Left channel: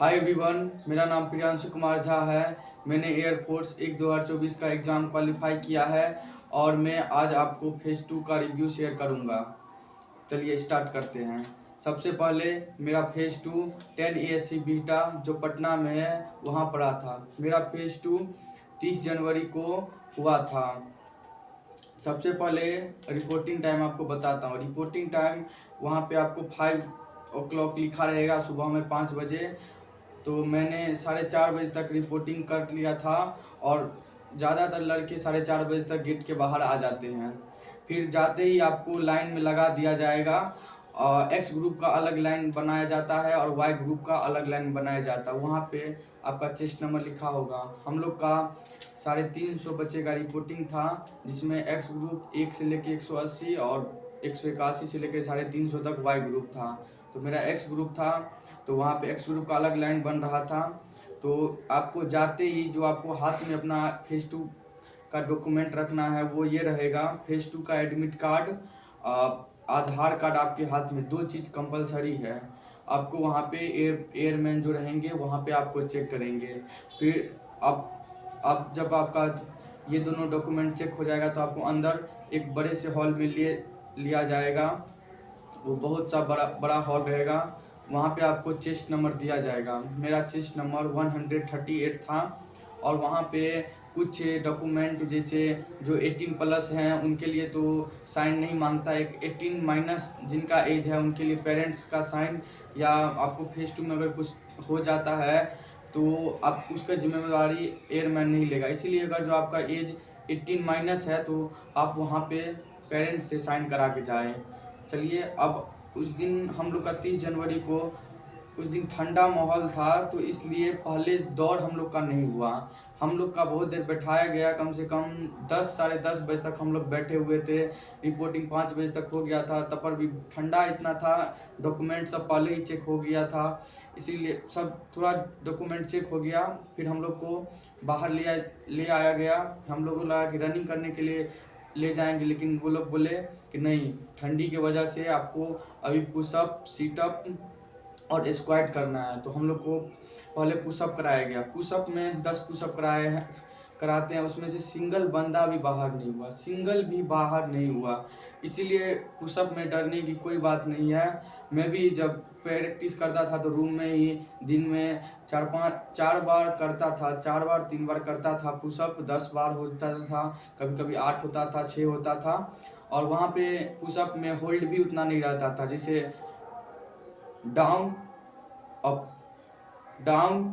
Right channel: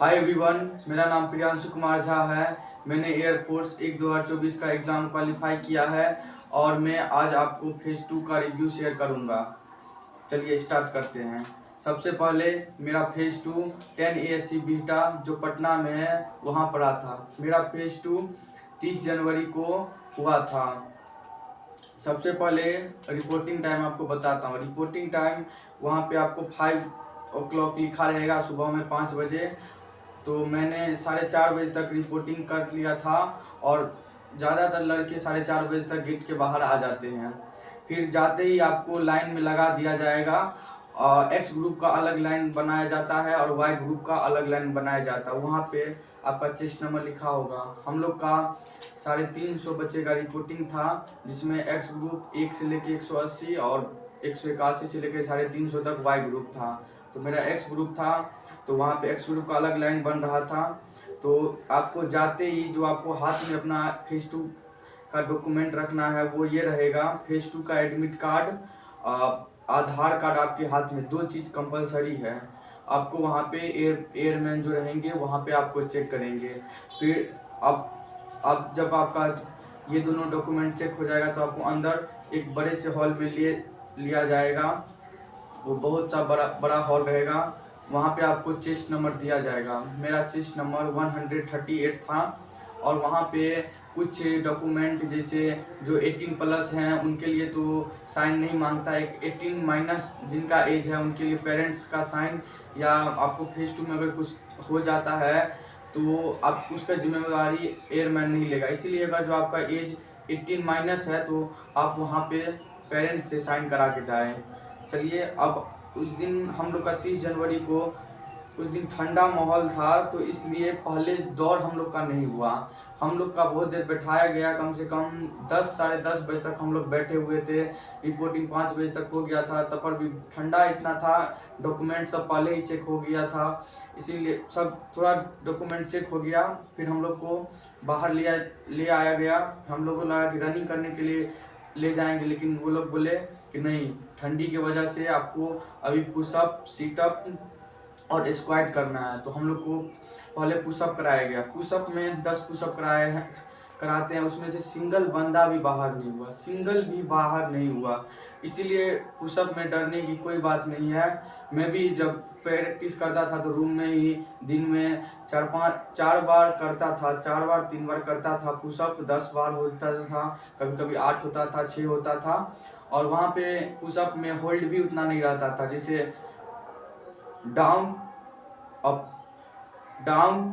Hi everyone, मेरा नाम प्रियांशु कुमार झा है। मैंने एयरफोर्स 1 2024 का एग्ज़ाम क्वालिफाई किया है और मैं आज आपको फेज़ 2 का रिव्यू शेयर करूंगा। चलिए स्टार्ट करते हैं। सबसे पहले मेरा फेज़ 2 10 ASC बीटा जो पटना में है वहाँ पढ़ा था। मेरा फेज़ 2 30 जनवरी को हुआ था। सबसे पहले रिपोर्टिंग टाइम आपको बताता हूँ। रिपोर्टिंग टाइम वहाँ पे आपको 5 o'clock लिखा रहेगा, सुबह में 5 बजे। तो मैंने 4:30 बजे तक रिपोर्टिंग कर लिया था और ज़्यादातर लड़के 4:30 बजे तक गेट के बाहर आ जाते हैं। फिर जाते ही आपको लाइन में लगा दिया जाएगा। एक्स ग्रुप का अलग लाइन बनाया जाता है और वाई ग्रुप का अलग लाइन बनाया जाता है। वहाँ पे आपका चेस्ट नंबर लिखा होगा। हम लोग का 350 बच्चे का रिपोर्टिंग था, जिसमें एक्स ग्रुप 1 से लेके 180 और 181 से लेके 350 तक वाई ग्रुप था। तो मेरा एक्स ग्रुप था, तो वहाँ पे एक्स ग्रुप का अलग लाइन बन रहा था। तो आपको जाते ही जो आपको हाथ में अपना फेज़ 2 का डॉक्यूमेंट रखना है वो ये रहेगा। फेज़ 2 का एडमिट कार्ड, आधार कार्ड आपके हाथ में, 2 चीज़ कंपलसरी है। आपको वहाँ पे एयरमैन जो रहेंगे वहाँ पे आपको चेक करेंगे। फिर अब जब आपका ये दोनों डॉक्यूमेंट चेक हो जाएगा तो आपको अंदर एक बड़े से हॉल में लिया जाएगा। वो बहुत सा बड़ा हॉल रहेगा। वहाँ पे आपको चेस्ट नंबर दिया जाएगा। मेरा चेस्ट नंबर 138 था और वहाँ पे कुछ डॉक्यूमेंट जैसे जो 18+ हैं उनके लिए तो साइन नहीं मांगता है। 18- जिनका एज है उनके लिए पेरेंट्स का साइन, या आपको फेज़ 2 में अगर कुछ हो जाता है तो आप उसका जिम्मेदारी एयरमैन नहीं लेगा। इसीलिए अगर जो आपका एज 18- है तो आप वहाँ पे पेरेंट्स से साइन करा के जाएँ। चलिए, अब उस दिन हम लोग का 30 जनवरी को उस दिन ठंडा माहौल था, तो इसलिए पहले दौड़ हम लोग का नहीं हुआ। हम लोग का बहुत देर बैठाया गया, कम से कम 10 साढ़े 10 बजे तक हम लोग बैठे हुए थे। रिपोर्टिंग 5 बजे तक हो गया था, तब पर भी ठंडा इतना था। डॉक्यूमेंट सब पहले ही चेक हो गया था, इसीलिए सब थोड़ा डॉक्यूमेंट चेक हो गया। फिर हम लोग को बाहर ले आया गया। हम लोगों को लगा कि रनिंग करने के लिए ले जाएंगे, लेकिन वो लोग बोले कि नहीं, ठंडी की वजह से आपको अभी पुशअप, सीटअप और स्क्वाट करना है। तो हम लोग को पहले पुशअप कराया गया। पुशअप में 10 पुशअप कराते हैं, उसमें से सिंगल बंदा भी बाहर नहीं हुआ, सिंगल भी बाहर नहीं हुआ। इसीलिए पुशअप में डरने की कोई बात नहीं है। मैं भी जब प्रैक्टिस करता था तो रूम में ही दिन में 4 बार करता था, 4 बार 3 बार करता था पुशअप। 10 बार होता था, कभी कभी 8 होता था, 6 होता था। और वहाँ पे पुशअप में होल्ड भी उतना नहीं रहता था, जैसे डाउन अप डाउन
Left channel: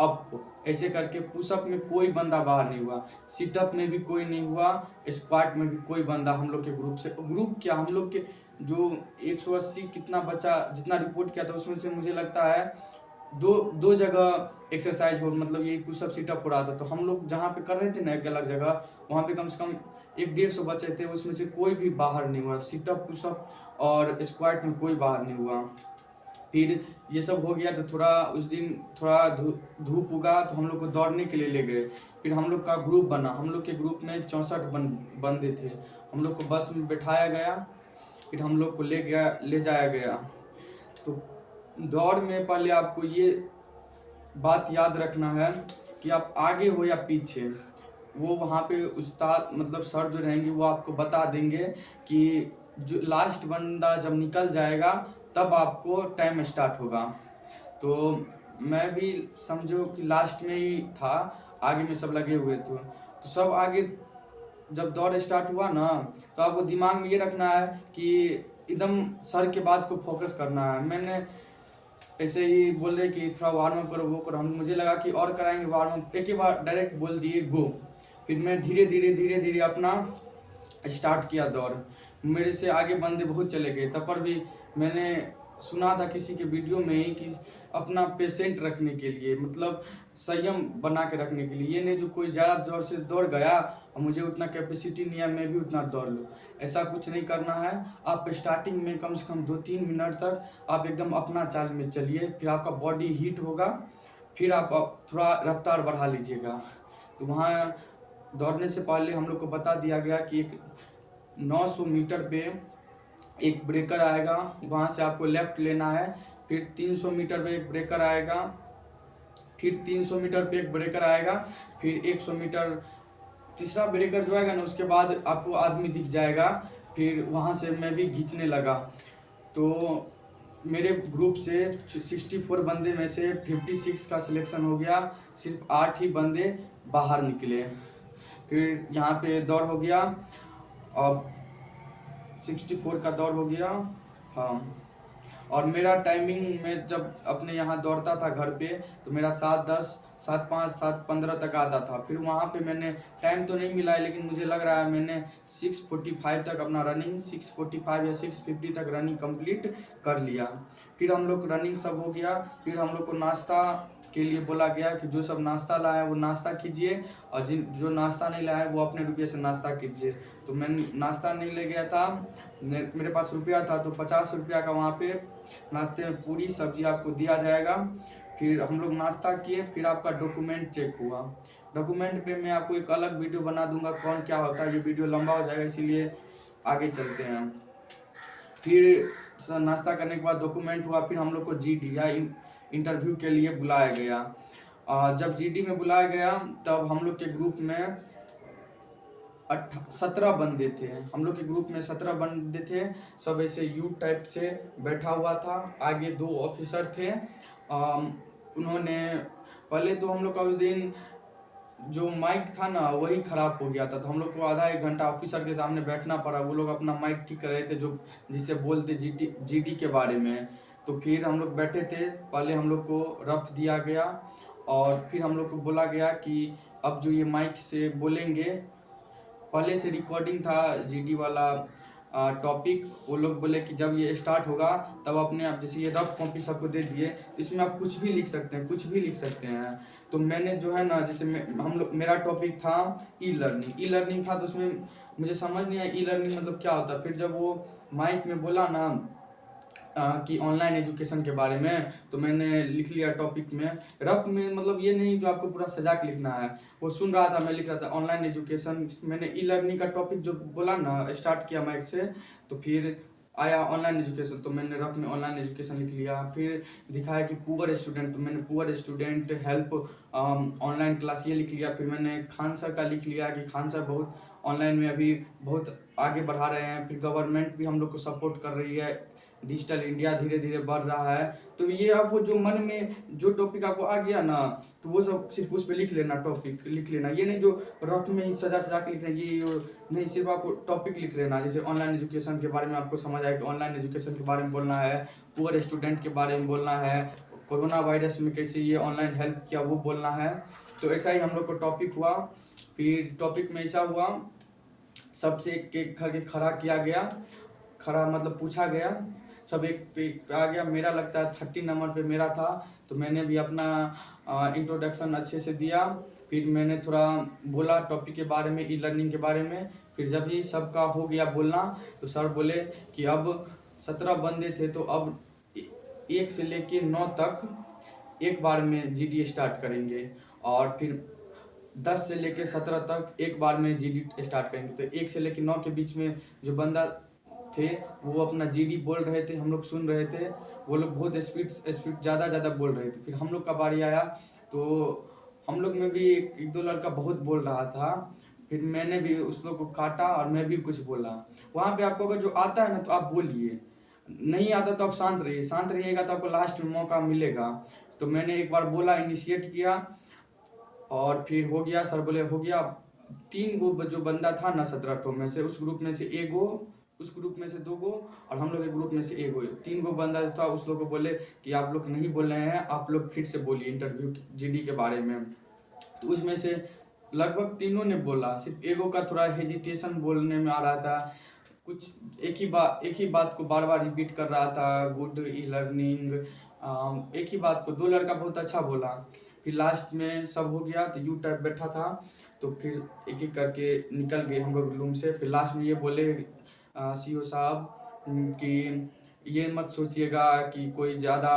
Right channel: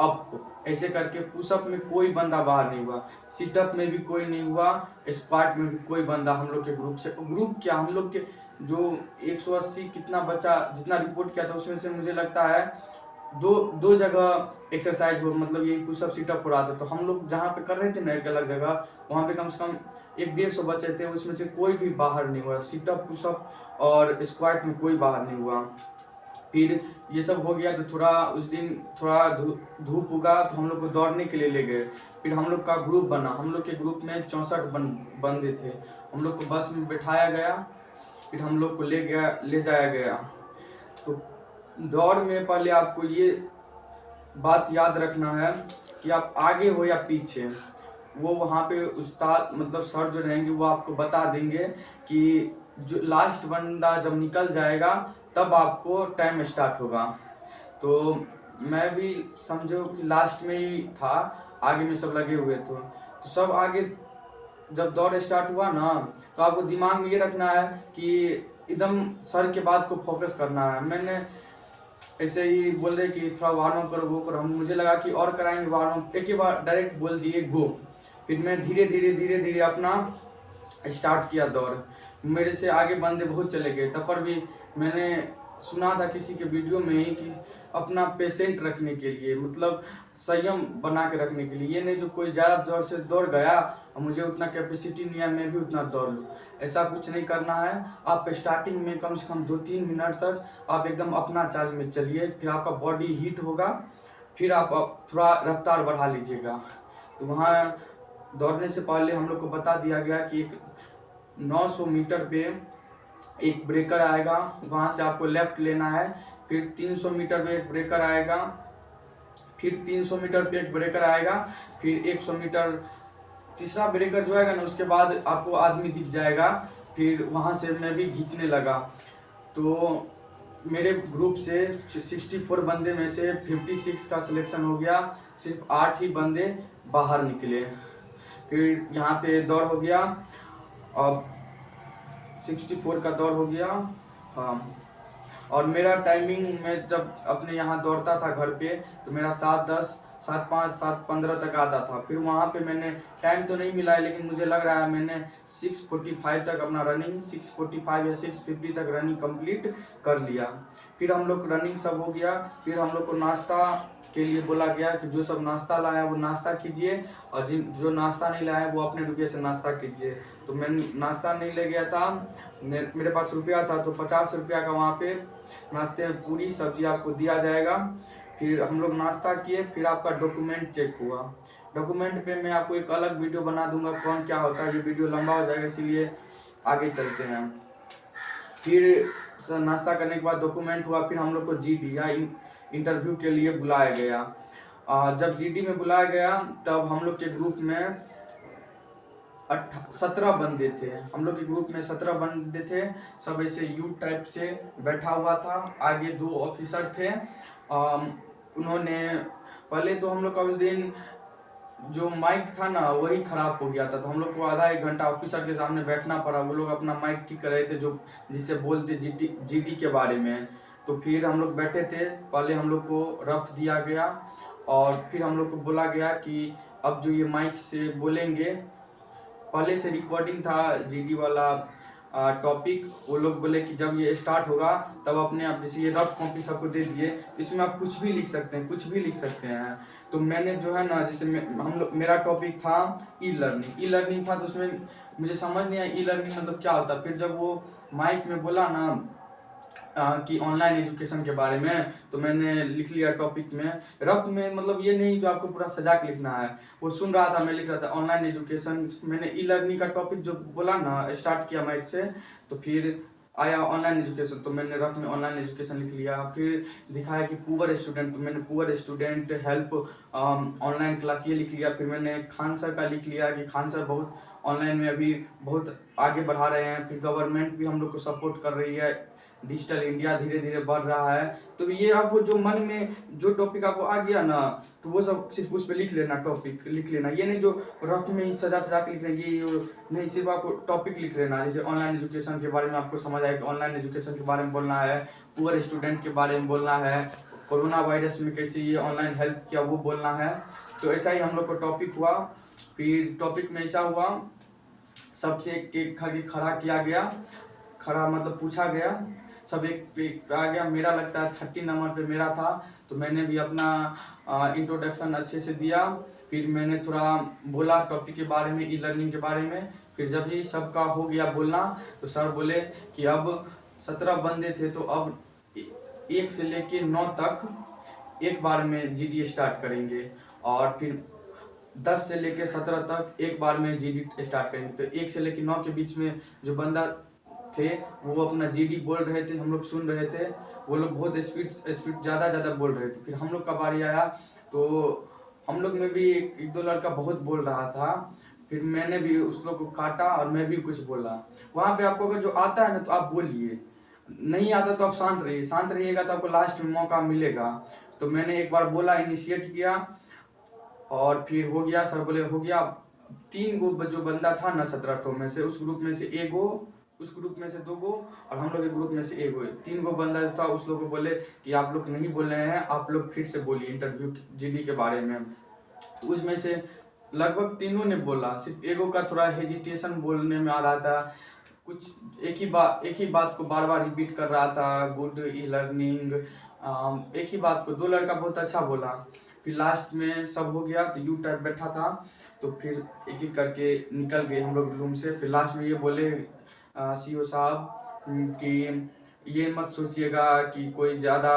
अप, ऐसे करके पुशअप में कोई बंदा बाहर नहीं हुआ, सिटअप में भी कोई नहीं हुआ, स्क्वाट में भी कोई बंदा हम लोग के ग्रुप से, ग्रुप क्या, हम लोग के जो 180 कितना बच्चा जितना रिपोर्ट किया था उसमें से मुझे लगता है दो जगह एक्सरसाइज हो, मतलब ये पुशअप सीटअप हो रहा था। तो हम लोग जहाँ पे कर रहे थे ना एक अलग जगह, वहाँ पे कम से कम 150 बच्चे थे, उसमें से कोई भी बाहर नहीं हुआ। सीटअप, पुशअप और स्क्वाट में कोई बाहर नहीं हुआ। फिर ये सब हो गया तो थोड़ा उस दिन थोड़ा धूप उगा तो हम लोग को दौड़ने के लिए ले गए। फिर हम लोग का ग्रुप बना। हम लोग के ग्रुप में 64 बंदे थे। हम लोग को बस में बैठाया गया, फिर हम लोग को ले जाया गया। तो दौड़ में पहले आपको ये बात याद रखना है कि आप आगे हो या पीछे। वो वहाँ पे उस्ताद, मतलब सर जो रहेंगे वो आपको बता देंगे कि जो लास्ट बंदा जब निकल जाएगा तब आपको टाइम स्टार्ट होगा। तो मैं भी समझो कि लास्ट में ही था, आगे में सब लगे हुए थे। तो सब आगे जब दौड़ स्टार्ट हुआ ना, तो आपको दिमाग में ये रखना है कि एकदम सर के बात को फोकस करना है। मैंने ऐसे ही बोल रहे कि थोड़ा वार्म अप करो, वो करो, हम मुझे लगा कि और कराएंगे वार्म अप, एक ही बार डायरेक्ट बोल दिए गो। फिर मैं धीरे धीरे अपना स्टार्ट किया दौड़। मेरे से आगे बंदे बहुत चले गए, तब पर भी मैंने सुना था किसी के वीडियो में ही कि अपना पेशेंट रखने के लिए, मतलब संयम बना के रखने के लिए, ये नहीं जो कोई ज़्यादा जोर से दौड़ गया और मुझे उतना कैपेसिटी नहीं है मैं भी उतना दौड़ लूँ, ऐसा कुछ नहीं करना है। आप स्टार्टिंग में कम से कम 2-3 मिनट तक आप एकदम अपना चाल में चलिए, फिर आपका बॉडी हीट होगा, फिर आप थोड़ा रफ्तार बढ़ा लीजिएगा। तो वहाँ दौड़ने से पहले हम लोग को बता दिया गया कि एक 900 मीटर पे एक ब्रेकर आएगा, वहाँ से आपको लेफ्ट लेना है, फिर 300 मीटर पे एक ब्रेकर आएगा, फिर 300 मीटर पे एक ब्रेकर आएगा, फिर 100 मीटर तीसरा ब्रेकर जो आएगा ना, उसके बाद आपको आदमी दिख जाएगा। फिर वहाँ से मैं भी खींचने लगा, तो मेरे ग्रुप से 64 बंदे में से 56 का सिलेक्शन हो गया, सिर्फ 8 ही बंदे बाहर निकले। फिर यहाँ पे दौड़ हो गया, अब 64 का दौड़ हो गया। हाँ, और मेरा टाइमिंग में जब अपने यहाँ दौड़ता था घर पे, तो मेरा 7:10, 7:05, 7:15 तक आता था। फिर वहाँ पे मैंने टाइम तो नहीं मिला है, लेकिन मुझे लग रहा है मैंने 6:45 तक अपना रनिंग, 6:45 या 6:50 तक रनिंग कंप्लीट कर लिया। फिर हम लोग रनिंग सब हो गया, फिर हम लोग को नाश्ता के लिए बोला गया कि जो सब नाश्ता लाया है वो नाश्ता कीजिए, और जो नाश्ता नहीं लाया है वो अपने रुपये से नाश्ता कीजिए। तो मैं नाश्ता नहीं ले गया था, मेरे पास रुपया था, तो 50 रुपया का वहाँ पे नाश्ते में पूरी सब्जी आपको दिया जाएगा। फिर हम लोग नाश्ता किए, फिर आपका डॉक्यूमेंट चेक हुआ। डॉक्यूमेंट पे मैं आपको एक अलग वीडियो बना दूंगा कौन क्या होता है, ये वीडियो लंबा हो जाएगा, इसीलिए आगे चलते हैं। फिर नाश्ता करने के बाद डॉक्यूमेंट हुआ, फिर हम लोग को जीडी या इंटरव्यू के लिए बुलाया गया। जब जीडी में बुलाया गया, तब हम लोग के ग्रुप में 17 बंदे थे। हम लोग के ग्रुप में 17 बंदे थे, सब ऐसे यू टाइप से बैठा हुआ था। आगे 2 ऑफिसर थे। उन्होंने पहले तो हम लोग का उस दिन जो माइक था ना वही खराब हो गया था, तो हम लोग को आधा 1 घंटा ऑफिसर के सामने बैठना पड़ा। वो लोग अपना माइक ठीक कर रहे थे, जो जिससे बोलते जीडी के बारे में। तो फिर हम लोग बैठे थे, पहले हम लोग को रफ दिया गया, और फिर हम लोग को बोला गया कि अब जो ये माइक से बोलेंगे, पहले से रिकॉर्डिंग था जीडी वाला टॉपिक। वो लोग बोले कि जब ये स्टार्ट होगा तब अपने आप, जैसे ये रफ कॉपी सबको दे दिए, इसमें आप कुछ भी लिख सकते हैं, कुछ भी लिख सकते हैं। तो मैंने जो है ना, जैसे मेरा टॉपिक था ई लर्निंग था, तो उसमें मुझे समझ नहीं आया ई लर्निंग मतलब क्या होता। फिर जब वो माइक में बोला ना कि ऑनलाइन एजुकेशन के बारे में, तो मैंने लिख लिया टॉपिक में। रफ में मतलब ये नहीं जो आपको पूरा सजा के लिखना है, वो सुन रहा था, मैं लिख रहा था ऑनलाइन एजुकेशन। मैंने ई लर्निंग का टॉपिक जो बोला ना, स्टार्ट किया माइक से, तो फिर आया ऑनलाइन एजुकेशन, तो मैंने रफ में ऑनलाइन एजुकेशन लिख लिया। फिर दिखाया कि पुअर स्टूडेंट, तो मैंने poor student help online class ये लिख लिया। फिर मैंने खान सर का लिख लिया कि खान सर बहुत ऑनलाइन में अभी बहुत आगे बढ़ा रहे हैं। फिर गवर्नमेंट भी हम लोग को सपोर्ट कर रही है, डिजिटल इंडिया धीरे धीरे बढ़ रहा है। तो ये आपको जो मन में जो टॉपिक आपको आ गया ना, तो वो सब सिर्फ उस पर लिख लेना, टॉपिक लिख लेना। ये नहीं जो रफ में ही सजा के लिखना, ये नहीं, सिर्फ आपको टॉपिक लिख लेना। जैसे ऑनलाइन एजुकेशन के बारे में आपको समझ आए कि ऑनलाइन एजुकेशन के बारे में बोलना है, पुअर स्टूडेंट के बारे में बोलना है, कोरोना वायरस में कैसे ये ऑनलाइन हेल्प किया वो बोलना है। तो ऐसा ही हम लोग को टॉपिक हुआ। फिर टॉपिक में ऐसा हुआ, सबसे एक खड़ा किया गया, खड़ा मतलब पूछा गया, सब एक पे आ गया। मेरा लगता है 30 नंबर पे मेरा था, तो मैंने भी अपना इंट्रोडक्शन अच्छे से दिया। फिर मैंने थोड़ा बोला टॉपिक के बारे में, ई लर्निंग के बारे में। फिर जब ये सबका हो गया बोलना, तो सर बोले कि अब 17 बंदे थे, तो अब 1 से लेके 9 तक एक बार में जीडी स्टार्ट करेंगे, और फिर 10 से लेके 17 तक एक बार में जीडी स्टार्ट करेंगे। तो 1 से लेके 9 के बीच में जो बंदा थे वो अपना जीडी बोल रहे थे, हम लोग सुन रहे थे। वो लोग बहुत स्पीड ज़्यादा बोल रहे थे। फिर हम लोग का बारी आया, तो हम लोग में भी एक 2 लड़का बहुत बोल रहा था। फिर मैंने भी उस लोग को काटा और मैं भी कुछ बोला। वहाँ पे आपको अगर जो आता है ना तो आप बोलिए, नहीं आता तो आप शांत रहिए। शांत रहिएगा तो आपको लास्ट में मौका मिलेगा। तो मैंने एक बार बोला, इनिशिएट किया, और फिर हो गया। सर बोले हो गया। 3 गो जो बंदा था ना 17 ठो में से, उस ग्रुप में से 1 गो, उस ग्रुप में से 2 गो, और हम लोग के ग्रुप में से 1 गो। 3 गो बंदा था, उस लोग को बोले कि आप लोग नहीं बोल रहे हैं, आप लोग फिर से बोलिए इंटरव्यू जीडी के बारे में। तो उसमें से लगभग तीनों ने बोला, सिर्फ 1 गो का थोड़ा हेजिटेशन बोलने में आ रहा था। कुछ एक ही बात को बार बार रिपीट कर रहा था, गुड ई लर्निंग, एक ही बात को। 2 लड़का बहुत अच्छा बोला। फिर लास्ट में सब हो गया, तो यू टाइप बैठा था, तो फिर एक एक करके निकल गए हम लोग रूम से। फिर लास्ट में ये बोले सीओ साहब कि ये मत सोचिएगा कि कोई ज़्यादा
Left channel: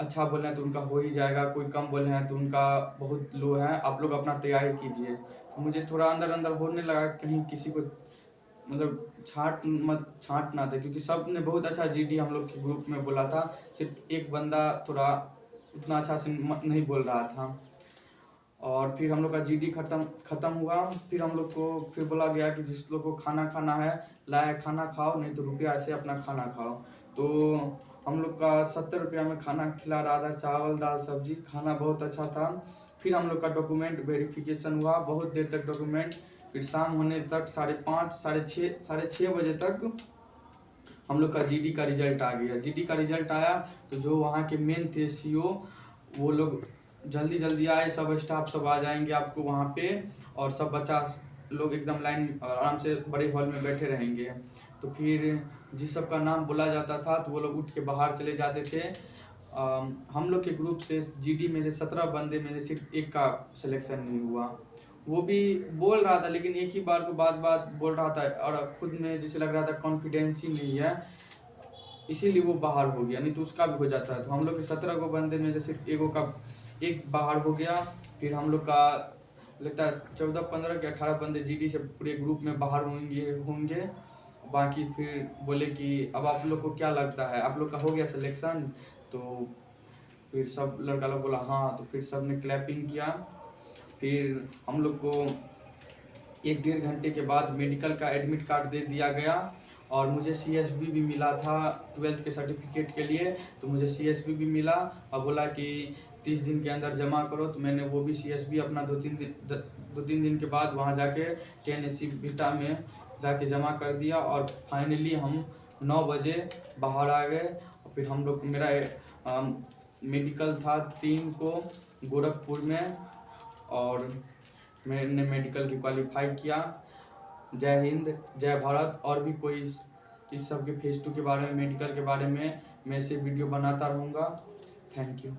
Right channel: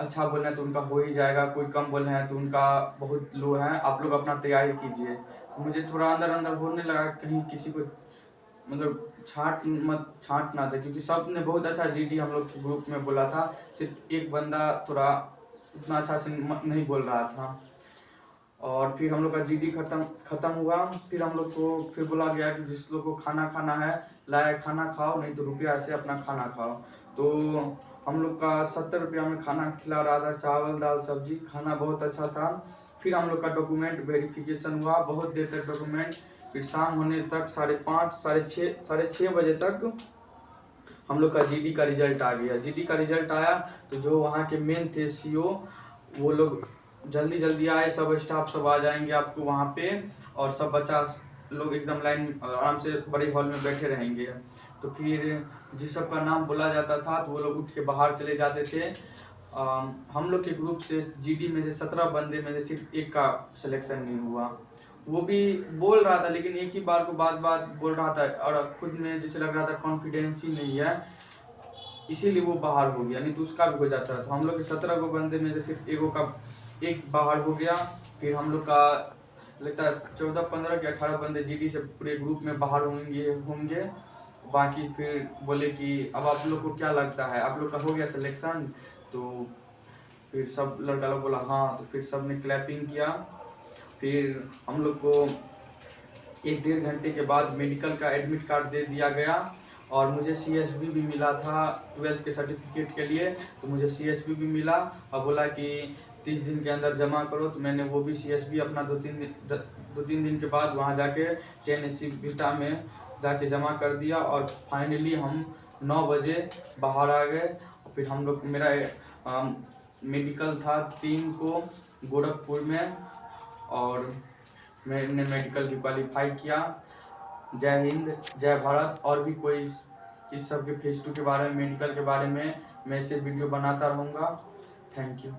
अच्छा बोल रहे हैं तो उनका हो ही जाएगा, कोई कम बोल रहे हैं तो उनका बहुत लो है, आप लोग अपना तैयारी कीजिए। तो मुझे थोड़ा अंदर होने लगा, कहीं किसी को मतलब छांटना था, क्योंकि सब ने बहुत अच्छा जीडी हम लोग के ग्रुप में बोला था, सिर्फ एक बंदा थोड़ा उतना अच्छा से नहीं बोल रहा था। और फिर हम लोग का जीडी खत्म हुआ। फिर हम लोग को फिर बोला गया कि जिस लोग को खाना खाना है लाए खाना खाओ, नहीं तो रुपया से अपना खाना खाओ। तो हम लोग का 70 रुपया में खाना खिला रहा था, चावल दाल सब्जी, खाना बहुत अच्छा था। फिर हम लोग का डॉक्यूमेंट वेरिफिकेशन हुआ, बहुत देर तक डॉक्यूमेंट, फिर शाम होने तक 5:30 साढ़े छः बजे तक हम लोग का जीडी का रिजल्ट आ गया। जीडी का रिजल्ट आया तो जो वहाँ के मेन थे सीओ, वो लोग जल्दी आए, सब स्टाफ सब आ जाएंगे आपको वहाँ पे, और सब बच्चा लोग एकदम लाइन आराम से बड़े हॉल में बैठे रहेंगे। तो फिर जिस सब का नाम बोला जाता था तो वो लोग उठ के बाहर चले जाते थे। हम लोग के ग्रुप से जीडी में से 17 बंदे में से सिर्फ एक का सिलेक्शन नहीं हुआ। वो भी बोल रहा था, लेकिन एक ही बार को बात बोल रहा था, और खुद में जैसे लग रहा था कॉन्फिडेंस ही नहीं है, इसीलिए वो बाहर हो गया, नहीं तो उसका भी हो जाता है। तो हम लोग के 17 को बंदे में से सिर्फ एक बाहर हो गया। फिर हम लोग का लगता है 14-15 के 18 बंदे जीडी से पूरे ग्रुप में बाहर होंगे। बाकी फिर बोले कि अब आप लोग को क्या लगता है, आप लोग का हो गया सिलेक्शन? तो फिर सब लड़का लोग बोला हाँ, तो फिर सब ने क्लैपिंग किया। फिर हम लोग को 1-1.5 घंटे के बाद मेडिकल का एडमिट कार्ड दे दिया गया, और मुझे सीएसबी भी मिला था 12th के सर्टिफिकेट के लिए। तो मुझे सीएसबी भी मिला और बोला कि 30 दिन के अंदर जमा करो। तो मैंने वो भी सीएसबी अपना 2-3 दिन के बाद वहाँ जाके टेनेसी बीटा में जाके जमा कर दिया, और फाइनली हम 9 बजे बाहर आ गए। फिर हम लोग मेरा मेडिकल था 3 को गोरखपुर में, और मैंने मेडिकल की क्वालिफाई किया। जय हिंद, जय भारत। और भी कोई इस सब के फेज 2 के बारे में, मेडिकल के बारे में मैं इसे वीडियो बनाता रहूँगा। Thank you.